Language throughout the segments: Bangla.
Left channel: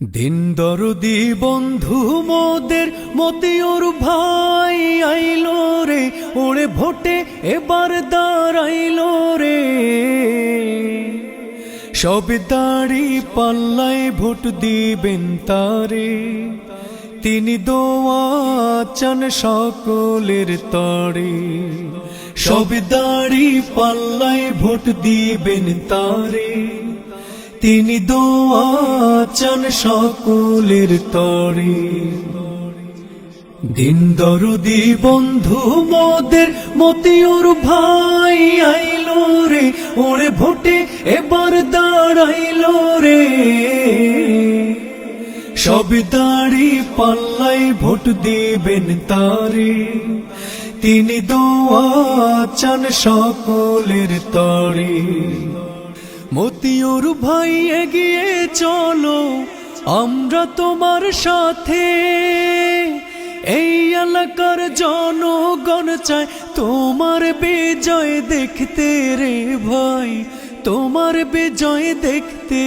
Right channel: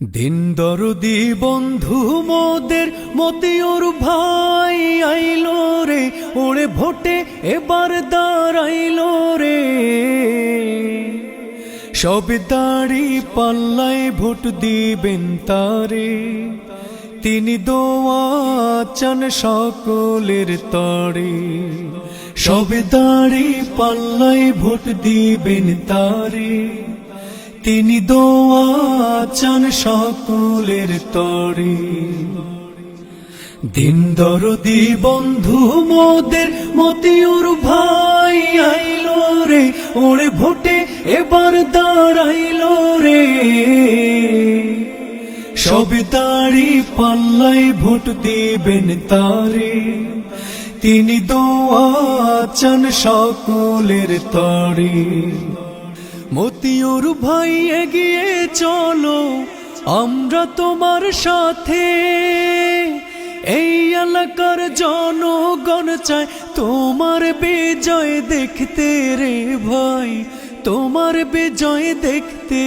দিন দরদি বন্ধু মোদের মতিওর ভাই আইলো রে, ওরে ভোটে এবার দাঁড়াইলো রে। সব দাঁড়ি পাল্লায় ভোট দিবেন তারে, তিনি দোয়া চান সকলের তরে। সব দাঁড়ি পাল্লায় ভোট দিবেন তারে। তিনি দোয়া চান সকলের তরে। দিন দরদি বন্ধু মোদের, মতিউর ভাই আইলো রে, ওরে ভোটে এবার দাঁড়াইল রে। সব তারি পাল্লাই ভোট দিবেন তারে। তিনি দোয়া চান সকলের তরে। মতিউর ভাই এগিয়ে চলো, আমরা তোমার সাথে। এই এলাকার জনগণ চায় তোমার বিজয় দেখতে রে ভাই, তোমার বিজয় দেখতে।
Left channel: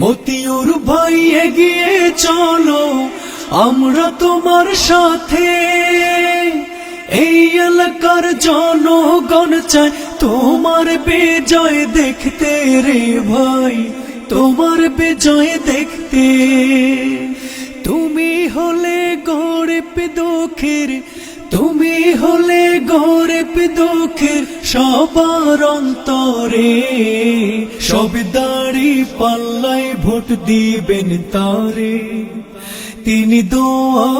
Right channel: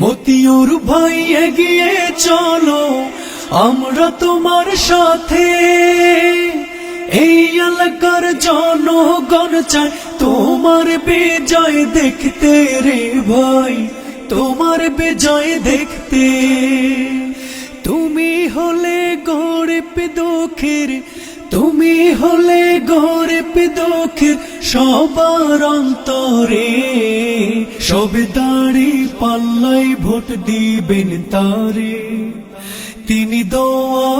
মতিউর ভাই এগিয়ে চলো, আমরা তোমার সাথে। এই এলাকার জনগণ চায় তোমার বিজয় দেখতে রে ভাই, তোমার বিজয় দেখতে। তুমি হলে গরিব দুঃখের, তুমি হলে গরিব দুঃখের সবার অন্তরে। সব দাড়ি পাল্লাই ভোট দিবেন তারে। তিনি দোয়া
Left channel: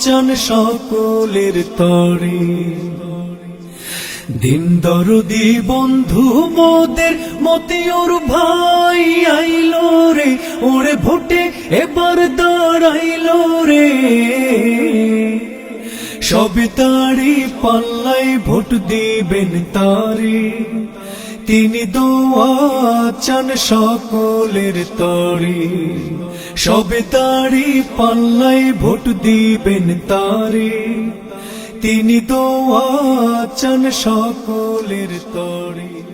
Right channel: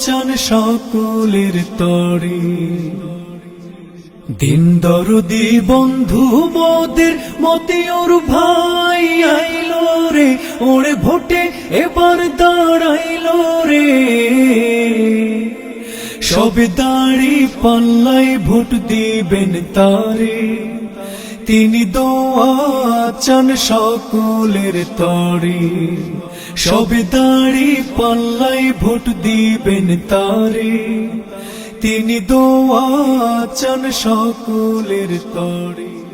চান সকলের তরে। দিন দরদি বন্ধু মোদের মতিওর ভাই আইল রে, ওরে ভোটে এবার দাঁড়াইল রে। সব দাড়ি পাল্লাই ভোট দিবেন তারে, তিনি দোয়া চান সকলের তরে। সব দাড়ি পাল্লাই ভোট দিবেন তারে তিনি দোয়া চান সকলের তরে।